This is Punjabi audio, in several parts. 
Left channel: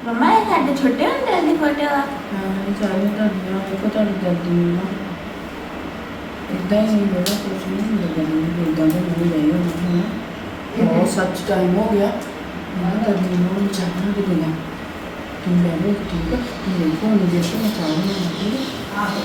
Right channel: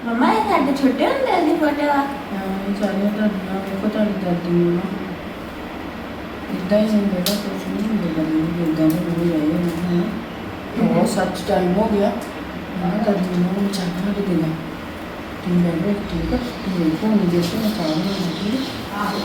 ਮਮਾ ਇਹ ਸਾਡੇ ਛੋਟੇ ਹੁੰਦੇ ਦੀ ਫੋਟੋ ਆ ਇਹ ਸਾਰੇ ਦਾਦੀਆਂ ਦੇਖੋ ਤੁਹਾਡੀ ਦਾਦੀ ਨੂੰ ਨਾ ਇਦਾਂ ਹੀ ਬੜਾ ਕੁਝ ਨਹੀਂ ਮਿਲਦਾ ਨਹੀਂ ਇਦਾਂ ਦੇ ਹੋ ਜਾਏ ਨਾ ਬਹੁਤ ਸੱਚ ਟਾਈਮ ਹੋ ਗਿਆ ਮੈਂ ਦਾਦੀ ਨੂੰ ਚਾਹਣਾ ਕਿ ਦੇਣਾ ਤੂੰ ਲੈ ਲੋ ਠੀਕ ਹੈ ਮੇਰੇ ਕੋਲ ਨਹੀਂ ਦੇ ਕੇ ਮੈਂ ਚਾਹਣਾ ਨਹੀਂ ਆਹੋ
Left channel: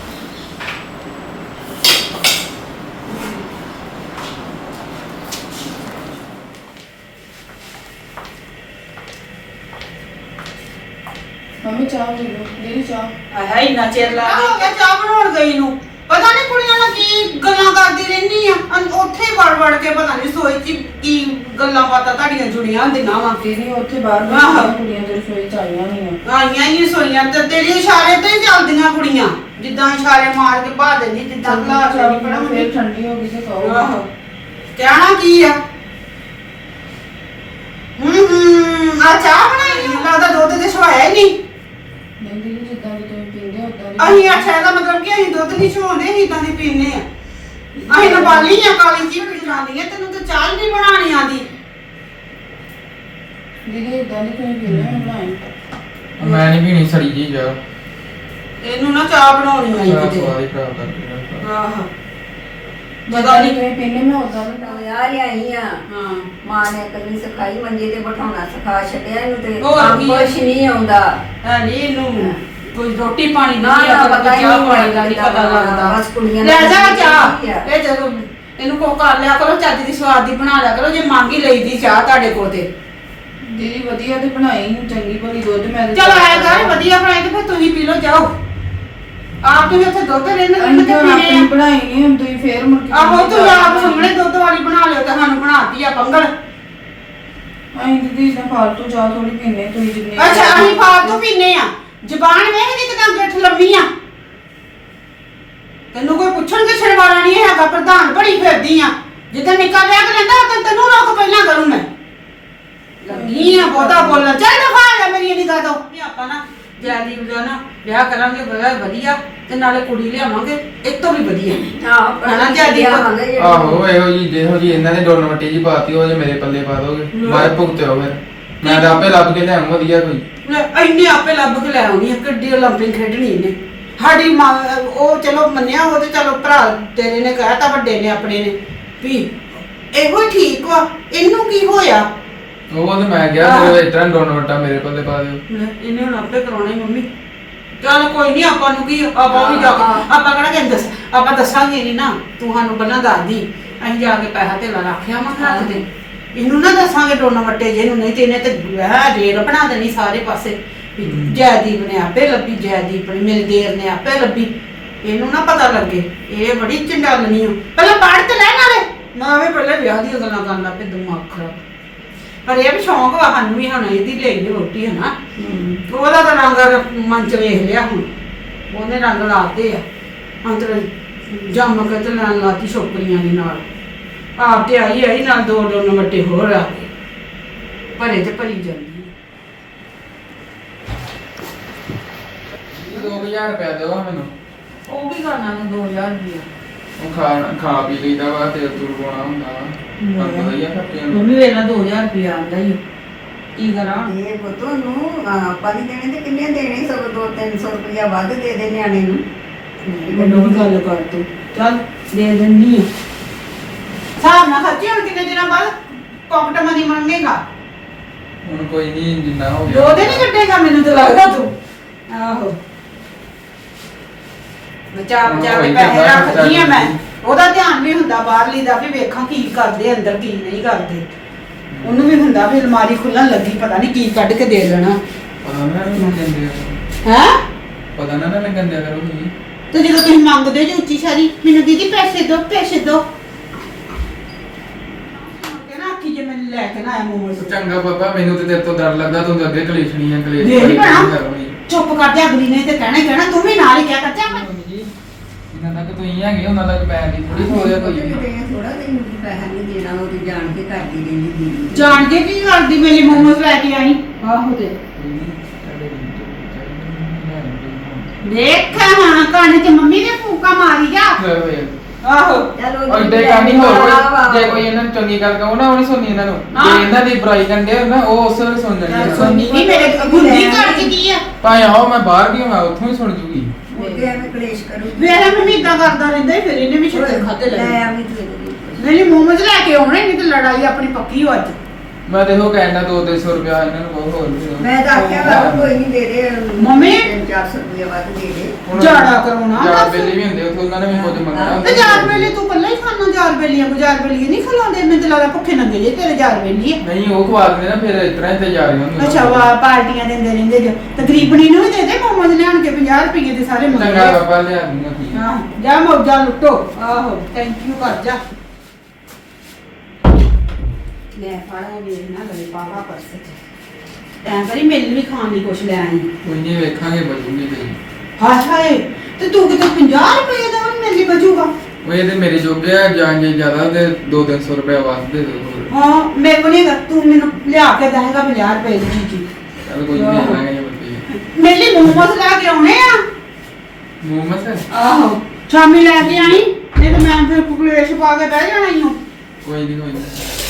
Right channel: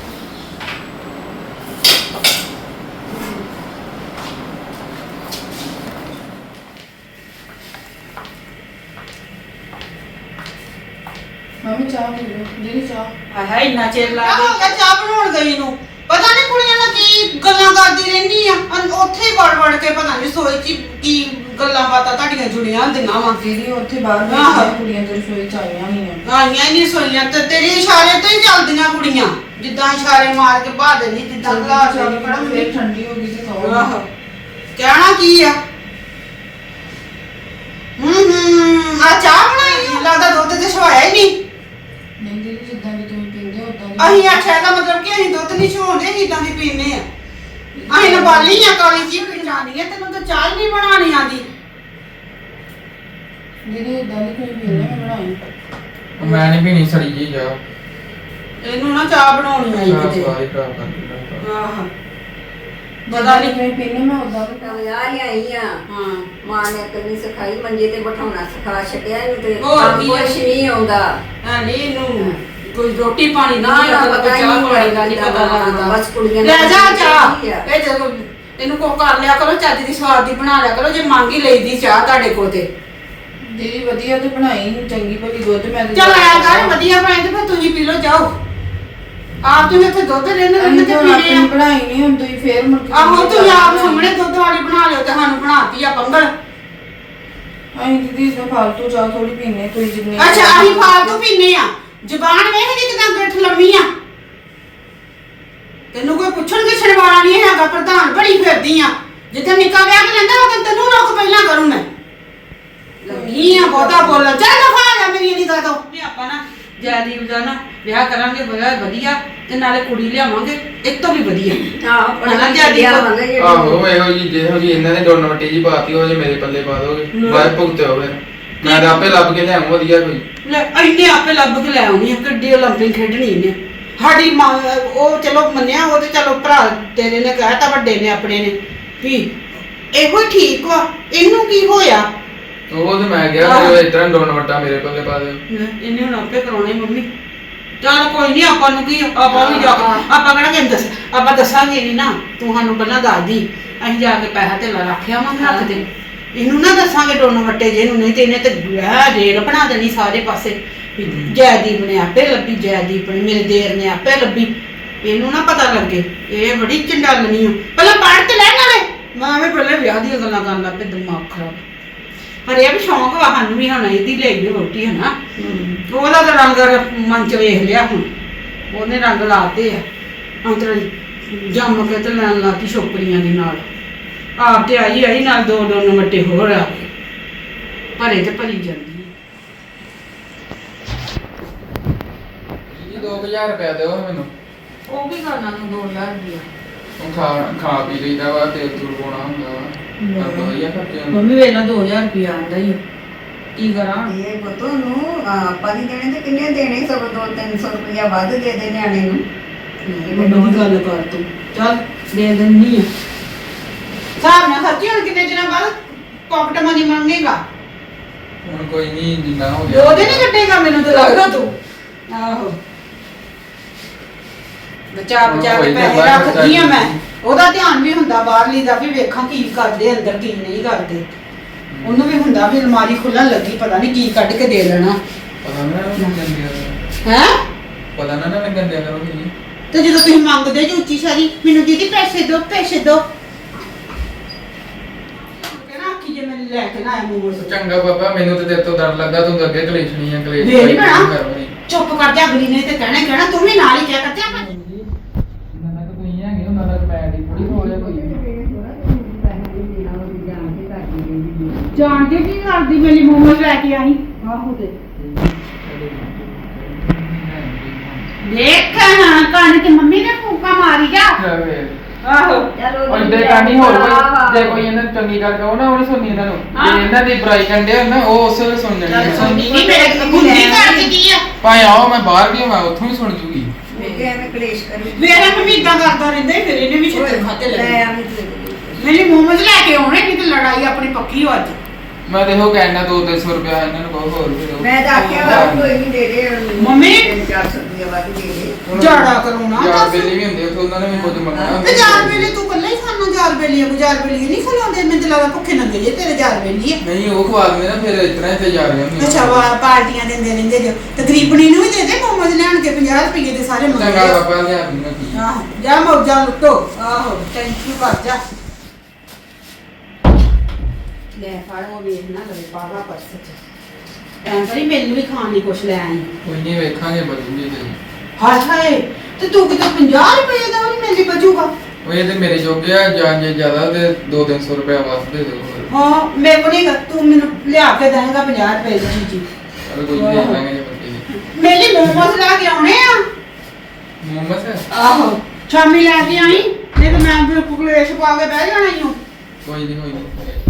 ਮੈਂ ਚਾਹ ਪੀ ਲਓ ਮੇਰੀ ਚਾਹ ਆਹ ਇੰਨਾ ਚਿਰ ਲਾ ਹੋ ਗਿਆ ਚਾਹ ਬਣਾਉਣ ਗਈ ਨੂੰ ਪਤਾ ਨਹੀਂ ਕੁੜੀਆਂ ਨਾਲ ਕੀ ਗੱਲਾਂ ਕਰਦੀ ਰਹਿੰਦੀ ਆ ਉੱਥੇ ਹੀ ਵੜ ਵੜ ਕੇ ਪਤਾ ਨਹੀਂ ਸੋਈ ਚ ਕੀ ਗੱਲਾਂ ਬਾਤਾਂ ਤੁਹਾਡੀਆਂ ਜੁੜੀਆਂ ਹੁੰਦੀਆਂ ਵਾ ਦੀਦੀ ਉੱਥੇ ਬਾਹਰ ਬੈਠੀਆਂ ਕੁੜੀਆਂ ਤੇ ਰਸੋਈ ਚ ਆਈਆਂ ਨਹੀਂ ਆ ਆਈਆਂ ਹੀ ਨਹੀਂ ਸੋਈਆਂ ਤੇ ਤੇਰੇ ਇਸ਼ਾਰੇ ਤੋਂ ਹੀ ਚੱਲਦੀਆਂ ਕੁੜੀਆਂ ਜਿੱਦਾਂ ਇਸ਼ਾਰੇ ਮਾਰ ਕੇ ਭਾ ਦਿੰਦੀ ਜਿੱਦਾਂ ਗਲਾਸ ਨਹੀਂ ਪੜਾ ਫੇਰ ਠੰਡੀ ਹੋ ਗਈ ਤੇ ਕਹੋ ਆਹੋ ਕਹਿਣਾ ਕੀ ਆ ਆ ਚਾਹ ਬਣਾਈ ਲੱਗਦਾ ਦੁੱਧ ਤੇ ਛਵਾਇਆ ਹੀ ਨਹੀਂ ਨਹੀਂ ਦੀਦੀ ਜਿੱਦਾਂ ਦੀ ਤੁਸੀਂ ਪੀਂਦੇ ਉਦਾਂ ਅਸੀਂ ਆਖਿਆ ਦਾ ਮਤਲਬ ਕਿ ਅਸੀਂ ਦੁੱਧ ਨਹੀਂ ਛਵਾਉਂਦੇ ਅਸੀਂ ਇਦਾਂ ਦੀ ਪੀਂਦੇ ਆ ਅਸੀਂ ਨਾ ਬਾਲੀ ਆ ਕਾਲੀ ਜੀ ਪੀ ਜਾਂਦੀ ਆ ਤੈਨੂੰ ਤਾਂ ਚਾਹ ਹੀ ਨਹੀਂ ਬਣਾਉਣੀ ਆਂਦੀ ਦੀਦੀ ਇਦਾਂ ਦੀ ਕੋਈ ਪੀਂਦੇ ਮੈਂ ਬਣਾਈ ਮੈਂ ਨਹੀਂ ਪੀਣੀ ਸੜੀ ਜੀ ਜਾ ਇਹਨੂੰ ਨਾ ਚਾਹ ਬਣਾਉਣੀ ਆਈ ਮੇਰਾ ਕਿਤੇ ਸਵਾਦ ਹੀ ਖਰਾਬ ਕਰ ਦਿੱਤਾ ਆਹ ਪਤਾ ਨਹੀਂ ਕੋਈ ਪੀਂਦੇ ਮੈਂ ਉਦਾਂ ਦੀ ਟੋਇਆ ਲਿਆਈ ਆ ਹਾਂ ਮਾਂ ਨੇ ਕੰਨੀ ਸਿਖਾਈ ਮੰਜੇ ਤੇ ਬਿਠਾਉਣਾ ਸਿਖਾ ਛੱਡਿਆ ਇਹਨੂੰ ਤੇ ਹੋਰ ਕੀ ਕੁਛ ਨਹੀਂ ਆਉਂਦਾ ਨਹੀਂ ਇਹਨੂੰ ਕੋਈ ਰੋਟੀ ਪਾਣੀ ਨਾ, ਨਹੀਂ ਨਾ, ਲੱਗਦਾ ਪਤਾ ਹੀ ਚਾਹ ਨਹੀਂ ਪਾਣੀ ਦਾ ਨਹੀਂ ਪਤਾ ਲੱਗਦਾ ਬਸ ਕੁੜੀਆਂ ਲੈ ਨੂੰ ਜਾ ਚਾਹੀਦੀ ਚਾਹ ਆ। ਇਹ ਜਦੋਂ ਇਹਨੂੰ ਕੋ ਕਰ ਲਿਆ ਕਰੋ ਚੱਜ ਦੀ ਸਵਾਦ ਦੀ ਬਣਾ ਲਿਆ ਕਰੋ ਜੇ ਮੰਗ ਹੀ ਲਈਦੀ ਚਾਹ ਤੁਹਾਡੇ ਕੋਲ ਤੇ ਦੀਦੀ ਵਧੀਆ ਤੇ ਬਣਾਈ ਚੰਗੀ ਭਲੀ ਦੁੱਧ ਮੈਂ ਤੇ ਚਲ ਆਇਆ ਕਰ ਵਧੀਆ ਬਣਾਈ ਤੇ ਫਿਰ ਤੁਸੀਂ ਪੀ ਲਓ ਜਾਓ ਆਪ ਤੁਸੀਂ ਇੱਥੇ ਦੁੱਧ ਲੈਣ ਅਸੀਂ ਤੇ ਤਾਂ ਪੀਣੇ ਆਪਣੀ ਆ ਬਣਾਈ ਨਹੀਂ ਹੁਣ ਤੁਸੀਂ ਫੇਰ ਮੁੜ ਕੇ ਆਹੋ ਤੂੰ ਆਪ ਸਾਹਮਣੇ ਦੁੱਧ ਵਾਲੀ ਬਣਾ ਲਿਓ ਤੇ ਸਾਨੂੰ ਬਣਾਤੀ ਆ ਪੰਗਲ ਅਸੀਂ ਦੀਦੀ ਇਸ ਫਾਲਤੂ ਚਾਹ ਥੋੜੀ ਪੀਂਦੇ ਤੁਸੀਂ ਜਿੰਨੇ ਅੱਛਾ ਅਸੀਂ ਫਾਲਤੂ ਪੀਨੇ ਆ ਜ਼ੁਬਾਨ ਵੇਖ ਦੀ ਕਿਦਾਂ ਗਿੱਠ ਲੰਮੀ ਆ ਤੈਨੂੰ ਕੋਈ ਪੁੱਛਣ ਕਿਛਣ ਵਾਲਾ ਨਹੀਂ ਹੈਗਾ ਪ੍ਰਧਾਨ ਬੜੀ ਫਿਰਦੀ ਆ ਜਿੱਦਾਂ ਨਿੱਕਾ ਵਿਆਹ ਕੇ ਲੈਂਦਾ ਉਹ ਤੈਨੂੰ ਰੋਕ ਪਹਿਲਾਂ ਕਰੂੰ ਮੈਂ ਲੱਗੀ ਆ ਬਹੁਤਾ ਬੋਲਣ ਚੱਲ ਦਫਾ ਜਾ ਮੇਰੀ ਨਿਗਾਹ ਤੋਂ ਵੀ ਆਪਾਂ ਨਾ ਜੈਦੀਪ ਦਾ ਨਾ ਵਿਆਹ ਕਰਾਂਗੇ ਬੜਾ ਵਧੀਆ ਤੇ ਨਾਲੇ ਕੁੜੀ ਲਿਆਵਾਂਗੇ ਇਹ ਤੋਂ ਵੀ ਵਧੀਆ ਆਹੋ ਹਨਾ ਜੈਦੀ ਕੋ- ਆਹੋ ਇਹੋ ਜੀ ਜਿਹੋ ਜੀ ਇਹਨਾਂ ਨੇ ਦੋਨੋਂ ਵੱਟੀ ਜੀ ਪਾਤੀ ਉਹ ਜੇ ਮੇਰੇ ਪੱਲੇ ਪਾ ਦੋਗੇ ਬਾਹਰ ਭੁਗਤਿਓ ਫਿਰ ਮੈਂ ਤਾਂ ਆਪੇ ਲੱਭ ਕੇ ਲਿਆਉਂ ਵਧੀਆ ਕੋਈ ਲੈ ਇੰਨੇ ਆਪੇ ਲੱਭ ਕੇ ਲੈ ਆਉਣੀ ਆ ਕਿੱਡੀ ਓਲੰਪਿਕ ਖੇਡਣੀ ਇਹਨੇ ਸਾਡੀ ਮਾਂ ਉਹ ਚਲੋ ਮੰਨਿਆ ਉਹ ਤੇ ਚਲੋ ਭਰਾ ਤੇਰੇ ਨੇ ਕਹਿਤਾ ਵੱਡੇ ਨੇ ਆਪਣੇ ਨੇ ਵੀ ਇਹੋ ਠੀਕ ਵਾ ਇਹਨੂੰ ਕੀ ਹੋਇਆ ਉਹ ਤੇ ਮੈਂ ਗਿਆ ਜਦੋਂ ਇਤਰਾ ਦੋਨੋਂ ਵੱਟਾ ਮੇਰੇ ਪੱਲੇ ਪਾ ਦਿਓ ਇਹਨੇ ਹੁਣ ਆਪੇ ਕਰਾਉਣਾ ਹੀ ਮੰਮੀ ਚੱਲ ਕੋਈ ਨਹੀਂ ਆਪਾਂ ਨੂੰ ਕੀ ਆਪਾਂ ਵੀ ਜਾ ਕੇ ਆਪਾਂ ਕਿਹੜਾ ਕਹਿੰਦੇ ਦੱਸ ਆਪਾਂ ਦੱਸਾਂਗੇ ਨਹੀਂ ਨਾ ਤੂੰ ਸਾਨੂੰ ਪਹਿਲਾਂ ਦੱਸਦੀ ਅਸੀਂ ਜਾ ਕੇ ਪੈਸਾ ਧੇਲਾ ਰੱਖਿਆ ਵਾ ਹੱਥ ਤੇ ਇਹਨੂੰ ਨਾ ਦੱਸਾਂਗੇ ਦੋਨੋਂ ਵੱਟੇ ਜੇ ਨੂੰ ਨਹੀਂ ਤੇ ਇਹਨੇ ਤੇ ਰੇਡ ਬਣਾ ਦੇਣੀ ਸਾਰੇ ਪਾਸੇ ਵੀ ਜੈਦੀਪ ਨੇ ਆਪੇ ਲੱਭੀ ਜੈਦੀਪ ਨੇ ਮੇਰੇ ਦੇਰ ਨੇ ਆਪੇ ਲੱਭੀ ਇਹਨੂੰ ਨਾ ਪਤਾ ਲੱਗੇ ਇਹ ਬੜੀ ਚੰਡਾਲਣੀ ਆ ਪਹਿਲਾਂ ਪੜ੍ਹ ਤੇ ਲੈ ਨਾਲੇ ਮੈਂ ਵੀ ਪਹਿਲੇ ਵਿਆਹ ਦੀਆਂ ਗੱਲਾਂ ਕਰਨ ਲੱਗ ਪਈ ਦਿਮਾਗ ਖਰਾਬ ਪਰ ਇਹ ਵੀ ਸ਼ੌਂਕ ਵਾ ਸਾਨੂੰ ਵੀ ਹੁਣ ਇਹਦੀ ਲਈ ਵੀ ਰੋਟੀ ਹੈ ਨਾ ਉਹਦਾ ਤਾਂ ਰੰਗ ਮਨ ਚ ਵੇਖ ਲਿਆ ਹੁਣ ਉਹਨੇ ਰੰਗ ਲਾਤੇ ਆ ਅੰਦਰ ਜੰਮ ਕੇ ਤੇ ਲੈਣ ਲਾਤੀ ਛੋਕਰੀਆਂ ਦੇ ਨਾਲ ਆਪ ਤੇ ਆਈ ਨਾਲ ਦੋ ਨੰਬਰ ਹੋਰ ਆ ਗਏ ਭਰੇ ਤੇ ਭਰੀ ਜਾਂਦੀ ਹੈ 2000 ਰੁਪਇਆ ਦਿਓ ਮੈਨੂੰ ਉਹ ਕੀ ਕਰਨਾ ਨੂੰ 2000 ਰੁਪਇਆ ਉਹ ਖਾ ਪੀ ਲਈਦਾ ਵਾ ਤੇ ਤੁਰ ਪਾਉਣਾ ਹੁੰਦਾ ਵਾ ਪਰ ਪਤਾ ਹੀ ਆ ਖਰਚਿਆਂ ਨੂੰ ਮੰਮੀ ਵੇਲਾ 2000 ਰੁਪਇਆ ਆਂਦਾ ਹੀ ਕੀ ਕਰਾਂ ਇਹ ਪੁੱਤ ਨੂੰ ਆਪਾਂ ਨਹੀਂ ਦੇਣੇ ਤੇ ਕਿੰਨੇ ਦੇਣੇ ਸਗੋਂ 200-300 ਰੁਪਇਆ ਵੱਧ ਦੇ ਦੇ ਨਿਆਣੇ ਨੂੰ ਮੈਨੂੰ ਵੀ ਗੱਲ ਕਰ ਤੂੰ ਚੱਲ ਦੇ ਦਿੰਨੀ ਆ ਹਿਸਾਬ ਨਾਲ ਖਰਚੀ ਹੁਣ ਕਿੰਨੇ ਦਿਨਾਂ ਬਾਅਦ ਪਾਕਟ ਮਨੀ ਮੰਗੇਗਾ ਹੁਣ ਕੋਈ ਨਹੀਂ ਜਿੰਨਾ ਹੋ ਦੋ ਦਿਨ ਹੀ ਕੱਟੇਗਾ ਮੈਨੂੰ ਤਾਂ ਲੱਗਦਾ ਤੂੰ ਆਹੋ ਬਚਾ ਬਚਾ ਕੇ ਪੈਸੇ ਰੱਖਦੀ ਆ ਮੈਂ ਉਹਦਾ ਧਿਆਨ ਵੀ ਹੁੰਦਾ ਬਾਹਰਲੀ ਦਾ ਵੀ ਵੇਖਾਂ ਕੀ ਕਰਦੇ ਅੰਦਰ ਕੀ ਨਹੀਂ ਕਰਦੇ ਉਹਨੂੰ ਵੀ ਹੁੰਦਾ ਵੀ ਅਲਮਾਰੀ ਖੁੱਲਣ ਲੱਗੀ ਪਤਾ ਨਹੀਂ ਕੀ ਕੱਢ ਕੇ ਦੇ ਲੈਣਾ ਪਤਾ ਨਾ ਲੱਗਣ ਦਿਆ ਕਰੋ ਹੈ ਪਤਾ ਨਾ ਲੱਗਣ ਦਿਆ ਕਰੋ ਤੁਸੀਂ ਤੇ ਜਦੋਂ ਤੁਸੀਂ ਮੰਗਦੇ ਜੋ ਉੱਚੀ ਸਾਰੀ ਮੈਨੂੰ ਦੀਦੀ ਪੈਸੇ ਦਿਓ ਕਹਿੰਦਾ ਆਖੀ ਜੇ ਮੈਨੂੰ ਲੈ ਕੇ ਨਾ ਆਇਆ ਮੋਮੋਸ ਚੰਗਾ ਬਾਬਾ ਮੈਨੂੰ ਤੇ ਤੇਰੇ ਤੋਂ ਡਰ ਲੱਗਦਾ ਤੂੰ ਤਾਂ ਅੱਗੇ ਕਲੇਸ਼ਣੀ ਆ ਕਲੇਸ਼ ਦੇ ਨੀ ਭੈਣਾ। ਕਰੋਣੀ ਚੁੱਪ ਕਰ ਜਾ ਅਗਲੀ ਨੇ ਤੇ ਕਹਿਣਾ ਹੀ ਕਹਿਣਾ ਤੂੰ ਵੀ ਨਾਲ ਹੀ ਕਹਿ ਕੱਚਾ ਮੈਂ ਇਹਨਾਂ ਤੱਕ ਤੁਸੀਂ ਹੈਗੇ ਉਹਨਾਂ ਤੱਕ ਪੈਰ ਦੀ ਥੋੜੀ ਹੋਇਆ ਕੋਈ ਥੋੜਾ ਤੇ ਪੈਸਾ ਨਹੀਂ ਦੇਣਾ ਉਹ ਤੇ ਜਾਣ ਕੇ ਕਰਦੀ ਦੇਣੀ ਜਾਣ ਕੇ ਕੀ ਕਰਦੀ ਮੇਰੀ ਮੋਮੋਸ ਲੈ ਕੇ ਆਈ ਆਹੋ ਤੇ ਦੇਖ ਹਾਂ ਕੰਨ ਤੇ ਮੰਮੀ ਨੇ ਫੂਕਾ ਮਾਰੀ ਜਾ ਆਹੋ ਚਲੋ ਔਰ ਏਡੇ ਕਾਨੀ ਹੋਰ ਕੋਈ ਜੇ ਕੋਈ ਇਹਨਾਂ ਨੂੰ ਚੰਗੀ ਗੱਲ ਕਹੋ ਨਾ ਉਹਨੇ ਸੁਣਨੀ ਇਹਨਾਂ ਨੂੰ ਹਾਂ। ਜੇ ਇਹਨਾਂ ਦੀ ਬੁਰਾਈ ਕੰਡੇ ਨਾ ਉਹ ਉਸੇ ਵੇਲੇ ਸੁਣ ਲੈਣੀ ਆ। ਸੁਣਨੀ ਨਹੀਂ ਮੇਰੇ ਗੁੰਦੀ ਘਰ ਚ ਕੀ ਆ ਭਾਵੇਂ ਆਓ ਮੈਂ ਬਾਹਰ ਵੀ ਹੋਵਾਂ ਉੱਥੋਂ ਵੀ ਸੁਣ ਜੂਗੀ ਮੁੱਕੇ ਐਵੇਂ ਕਲੇਸ਼ ਕਰੂ ਮੇਰਾ ਮੰਮੀ ਇਦਾਂ ਕਰਦਾ ਰਹਿੰਦਾ ਸੀ, ਫਿਰ ਇਹਨੇ ਵੀ ਛਿੱਤਰ ਖਾਤੇ ਲੈ ਲੱਗੇ ਆਵੀਂ ਤੇ ਨਹੀਂ ਮੋਮੋਜ਼ ਲੈ ਕੇ ਆਉਣੇ ਨਹੀਂ ਤੇ ਲੜਾਈ ਆਪਣੀ ਪੱਕੀ ਹੋ ਅੱਜ ਮੈਂ ਦੇਖੋ ਕਹਿਣਾ 200 ਰੁਪਇਆ ਇਹਨਾਂ ਨੂੰ ਕਹੋ ਹੋਰ ਫਿਰ ਉਹ- ਮੈਂ ਤਾਂ ਆਖਿਆ ਵਾ ਕੋਈ ਨਹੀਂ ਦੇ ਦੇ ਮੰਮੀ। 400 ਰੁਪਏ ਵੱਧ ਦੇ ਦੇ ਹੁਣ ਜਾੜਾ ਕਰਾਉਣਾ ਜਾੜਾ ਦੱਸ। ਬੇਲੀ ਵੀ ਹੁੰਦੇ ਉੱਥੇ ਉਹਨਾਂ ਨੇ ਵੀ ਕੁਝ ਮੰਗਣਾ ਤੇ ਜਾਰ ਵੇਲੀ ਤੂੰ ਕੱਲਾ ਹੀ ਖਾਣਾ ਜਾਰ ਵੇਲੀਆਂ ਗੁਜ਼ਾਰ ਵੇਲੀ ਨਹੀਂ ਖਲਾਉਂਦੇ ਮੈਨੂੰ ਤਾਂ ਲੱਗਦਾ ਭੁੱਖੇ ਨੰਗੇ ਜੇ ਤੇਰੇ ਜਾਰ ਵੇਲੀ ਆ ਨਹੀਂ ਉਹ ਖਵਾ ਦਿੰਦੇ ਨਾ ਫਿਰ ਇਸ ਤਰ੍ਹਾਂ ਹੀ ਤੇ ਜਾ ਰਹੇ ਹੁੰਦੇ ਅੱਛਾ ਵਾ ਪਾਰਟੀਆਂ ਦਿੰਦੇ ਰਹਿੰਦੇ ਜੋ ਤੇ ਗਰੀਬਣੀ ਨੂੰ ਵੀ ਦੇ ਦੇ ਮੋਮੋਜ਼ ਲਿਆਣ ਕੇ 50 ਰੁਪਏ ਦੇ ਸਾਰੇ ਚੰਗਾ ਮੰਗਦੇ ਬਾਬਾ ਲਿਆ ਦੂੰਗਾ ਕੀ ਆਹ ਜਾ ਮੋਜਾ ਲੁੱਟੋ ਆਹੋ ਥੈਂਕ ਯੂ ਕਰ ਜਾ ਲੈ ਫੜੋ ਵੇਖ ਨਾ ਲਵੇ ਪਾਪਾ ਪਰਸ ਚ ਐਂ ਕਰੀ ਮੈਨੂੰ ਵੀ ਖਾਣ ਲਈ ਕੁਛ ਲੈ ਆਈ ਕੋਈ ਨਹੀਂ ਵੇਖਾਂਗੇ ਬਚੂਗੀ ਤੇ ਹਾਏ ਹਾਏ ਤੇ ਤੂੰ ਕਿਤੇ 50 ਰੁਪਏ ਦਾ ਵੀ ਮੈਨੂੰ ਬਚੂਗਾ ਉਹ ਇਹ ਤੇ ਮੇਰੇ ਜੋਗੇ ਆ ਜਾਂ ਜੇ ਜ਼ਿਆਦਾ ਤੇ 200-300 ਰੁਪਇਆ ਵੱਧ ਦੇ ਦਿਓ ਹਾਂ ਮੇਰੇ ਕੋਲ ਨਹੀਂ ਹੈਗਾ, ਤੂੰ ਮੈਨੂੰ ਲਿਆ ਕੇ ਦੇਂਗਾ 50 ਰੁਪਏ ਦੀ ਚੀਜ਼ ਚਲ ਕੋਈ ਨਹੀਂ ਦੇਖ ਲਾਂਗੇ ਜੇ ਬਚੇ ਮੇਰੇ ਲਈ ਮੋਮੋਸ ਲੈ ਕੇ ਆਉਣੇ ਆ ਮੁਹੰਮਦ ਆਹੋ ਸ਼ਾਮੀ ਲੈ ਕੇ ਆਈ ਨਹੀਂ ਤਾਂ ਮੈਂ ਫਿਰ ਕੁਕਲੇਸ਼ ਪਾ ਕੇ ਬਹਿ ਜਾਣਾ ਹੀ ਹਾਂ ਕੋਈ ਨਹੀਂ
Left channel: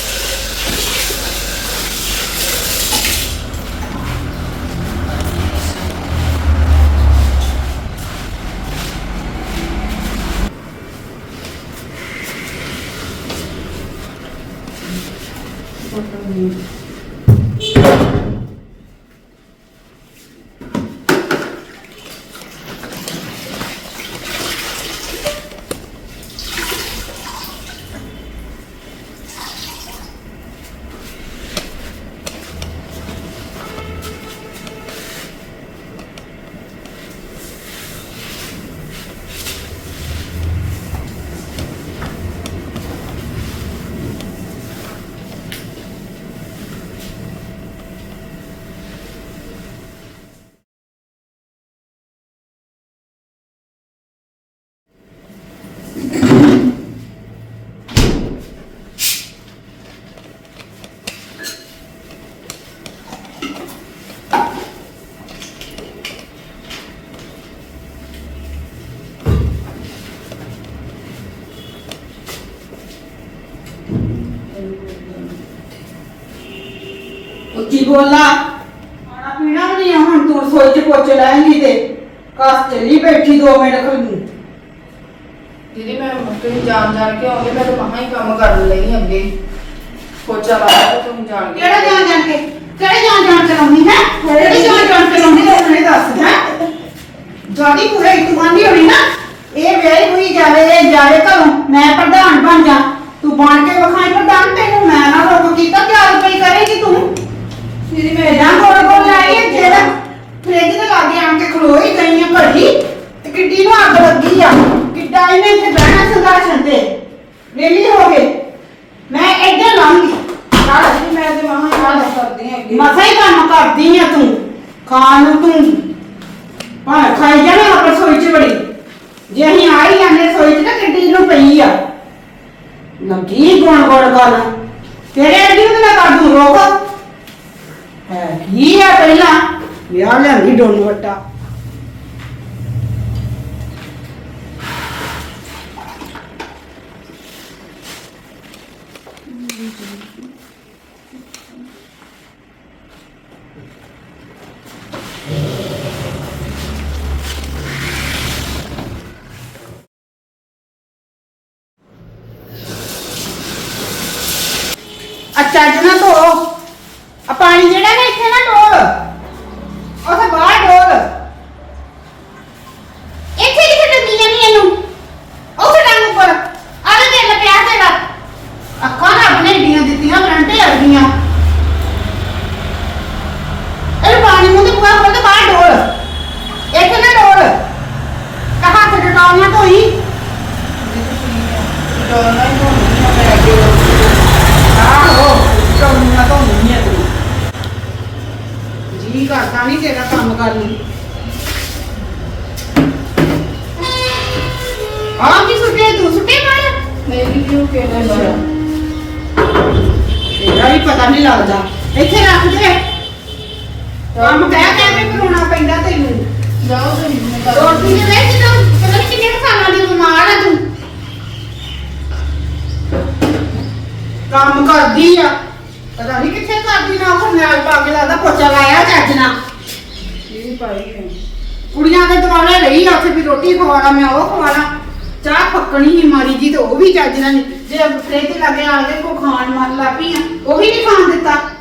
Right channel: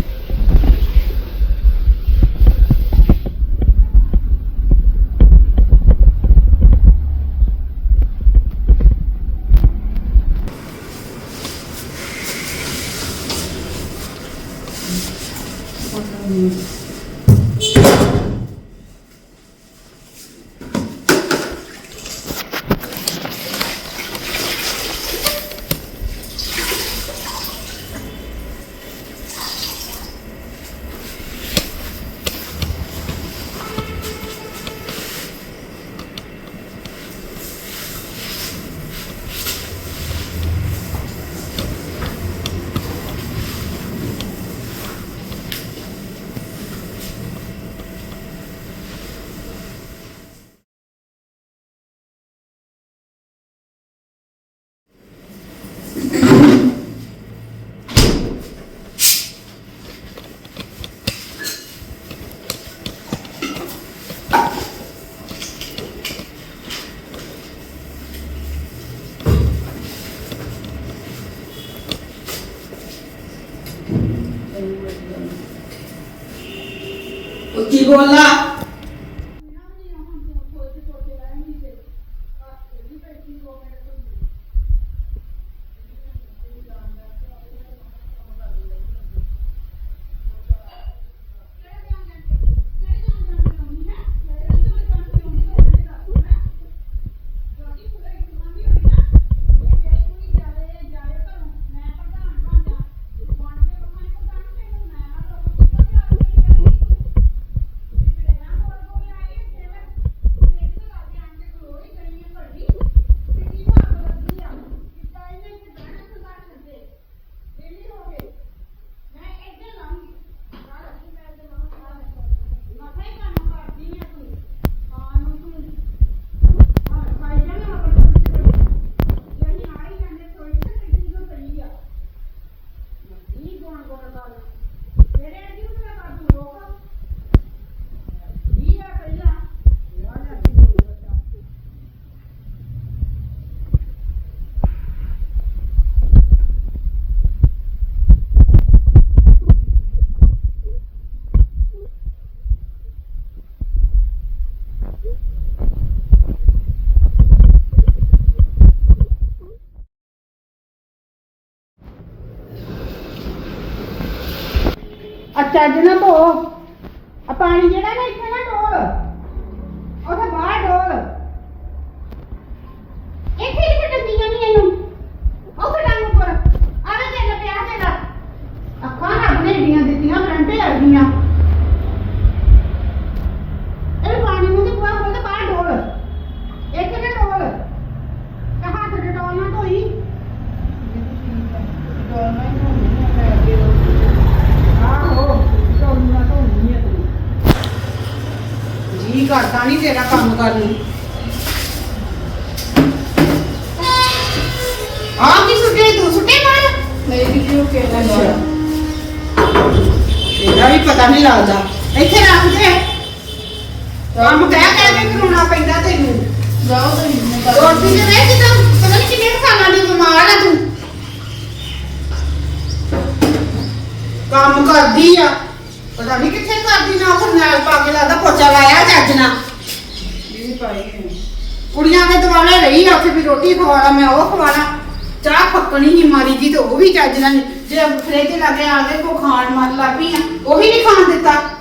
ਉੱਚੀ ਬੋਲਣਾ ਖਾਣਾ ਪੀਣਾ ਵੀ ਨਹੀਂ ਆ, ਹੁਣ ਤੂੰ ਰਸੋਈ ਚ ਪੋਚੇ ਲਾਏਂਗੀ ਤੇ ਕਾਸ ਚੱਲੀ ਬੈਠੀ 2 ਮਿੰਟ ਖੜੀ ਦੀਦੀ ਮੈਂ ਤੁਸੀਂ ਜਾਣ ਕੇ ਆਉਂਦੇ ਮੈਂ ਤਾਂ ਮਹਾ ਹੀ ਕੰਮ ਕਰਨ ਲਈ ਅੱਗੇ ਪੋਚਾ ਲਾਇਆ ਤਾਂ ਤੁਸੀਂ ਜਾਣ ਕੇ ਕਿਹੜਾ ਜਾਣ ਕੇ ਕਿਹੜੇ ਜਾਣ ਕੇ ਲਾਉਣੀ ਹੈ ਕਿਹੜੇ ਜਾਣ ਕੇ ਲਾਉਣੀ ਹੈ ਮੈਨੂੰ ਦੱਸ ਹੈ ਜਾਦੀ ਪੂਰੇ ਇਤਮਾਨੀ ਹੋਣੀ ਨਾ ਇਹ ਵੇਲੇ ਹੋਈ ਜਾਵੇ ਘਰੋਂ ਮੈਂ ਪ੍ਰਧਾਨ ਬਣ ਜਾ ਤੂੰ ਬਣ ਕੇ ਵਿਖਾਈ ਪ੍ਰਧਾਨ ਤੈਨੂੰ ਮੈਂ ਨਾ ਰੋਕ ਕੀਤਾ ਕਿ ਰੁਪਏ ਕਰੇਗੀ ਤੂੰ ਦੀਦੀ ਮੈਂ ਜਾਂ ਕੋਲ ਆਈ ਹੈ ਜਿਹੜਾ ਫ੍ਰਿਜ ਦੇ ਲਾਗੇ ਆਣ ਕੇ ਖਲੋਈ ਗਈ ਆ ਘੜੀ ਤੇ ਕਿੱਡੀ ਨੂੰ ਅੱਗ ਲੱਗੀ ਆ ਕਿੱਡਾ ਇਹਨੇ ਇੱਥੇ ਬਹਿਣਾ ਸੰਦਾਸ਼ਨ ਤੇ ਵੇਲੀ ਹੋ ਗਏ ਮੈਂ ਇੱਧਰ ਲਾਉਂਗੀ ਦੀਦੀ ਮੈਂ ਤੇ ਮਹਾ ਹੀ ਕੰਮ ਕਰਦੀ ਹਾਂ ਅੱਗੇ ਮਸਾ ਹੀ ਕੰਮ ਕਰਦੀ ਆ ਤੂੰ ਖਾਣ ਨੂੰ ਤੂੰ ਹਾਂ ਖਾਈ ਜਾਣਾ ਆਪਣੀ ਰਸੋਈ ਚ ਬੜੀ ਜੇ ਅਸੀਂ ਆਈ ਜਾਂਦੇ ਰਸੋਈ ਚ ਤਾਂ ਕਿੱਡੀ ਨੂੰ ਪਈ ਆ ਲੱਗੀ ਗੋਣ ਗੱਲ ਤੇਰੇ ਅੱਡੀ ਨੂੰ ਤਾਂ ਮੈਂ ਕਰ ਦੂੰ ਰੋਕ ਹੈ ਕੀ ਆ ਪਹਿਲਾਂ ਵਿਆਹ ਲਿਆਂਦੀ ਡੋਨ ਵੱਟਾ ਅੱਛਾ ਜਨਾ ਧੋ ਆ ਪਾਣੀ ਜਿਹੜਾ ਨਾ ਇੱਥੇ ਨਾ ਡੋਲ ਉੱਥੇ ਬਾਹਰ ਡੋਲ ਇੱਥੇ ਕਿੱਥੇ ਡੰਗੀਆਂ ਨਹੀਂ ਇਹਨੂੰ ਉੱਥੇ ਡੰਗ ਉੱਪਰ ਆਲੇ ਦੇ ਲੱਗਿਆ ਤੇਰਾ ਅੱਖਾਂ ਰੱਬ ਨੇ ਢੀਆਂ ਦਿੱਤੀਆਂ ਬਰੰਟੇ ਅੜ ਗਈਆਂ ਇਹ ਪਾਣੀ ਨੂੰ ਤੇ ਪੂਰਾ ਖੋਲ ਤੇ ਬਾਹਰ ਡੋਲ ਇੱਥੇ ਨਾ ਡੋਲ ਕਹਾ ਤੇ ਡਟਾਉਣਾ ਨਾ ਧੋਈ ਡੋਲਣਾ ਹੀ ਹੋਣੀ ਮੈਂ ਅੱਗੇ ਆਹੋ ਟੌਣੀਆਂ ਤੋਂ ਨਹੀਂ ਹੈ ਤੂੰ ਜੀ ਕਰਦਾ ਨਹੀਂ ਤੇਰਾ ਕੰਮ ਕਰਨ ਨੂੰ ਆ ਕੀ ਸੁੱਟੇ ਤੂੰ ਸੁੱਟੇ ਮਾਰ ਨਹੀਂ ਕਿਉਂ ਕਹਿਣਾ ਤੇਰਾ ਵੀ ਪਤਾ ਨਹੀਂ ਲੱਗਦਾ ਇੱਥੇ ਰੱਖ ਦੇ ਕੰਮ ਕਹਿ ਕੇ ਕਰਾਉਣਾ ਪੈਂਦਾ ਤੈਨੂੰ ਜਾਓ ਤੁਸੀਂ ਰੋਟੀ ਦੇ ਰਹਿ ਜਿੱਦਾਂ ਪਤਾ ਨਹੀਂ ਕਿੰਨੇ ਖਾਣਾ ਦੀ ਬਿਮਾਰ ਆ ਤੂੰ ਕੰਮ ਕਰਦੀ ਆ ਪਤਾ ਨਹੀਂ ਕਿੱਥੇ ਕਰਦੀ ਨਾ ਉਹ ਨਾਲ ਪਾ ਕੇ ਲੱਗਦਾ ਪੋਚਾ ਲਾਇਆ ਚੱਜ ਨਾਲ ਇਹ ਵੀ ਪਾਈ ਹੈ ਕੁੜੀਆਂ ਦੇ ਦੁਆਲੇ ਰਹੀ ਆ ਉੱਥੇ ਵੀ ਰੋਟੀ ਖਵਾਣਾ ਮੈਂ ਉਹ ਖਵਾਣਾ ਚਾਹ ਪੱਕਣੀ ਨਹੀਂ ਮਾਰੀ ਜੀ ਤੇ ਉਹ ਵੀ ਚੱਜ ਨਾਲ ਨੀ। ਜੇ ਫ੍ਰਿਜ ਲਾਗੇ ਆ ਕੇ ਕੋ ਖਾਣ ਮਨ ਲਾ ਪਈ ਆ ਉਹ ਵੀ ਨਹੀਂ ਖਾਣ ਦਿੱਤਾ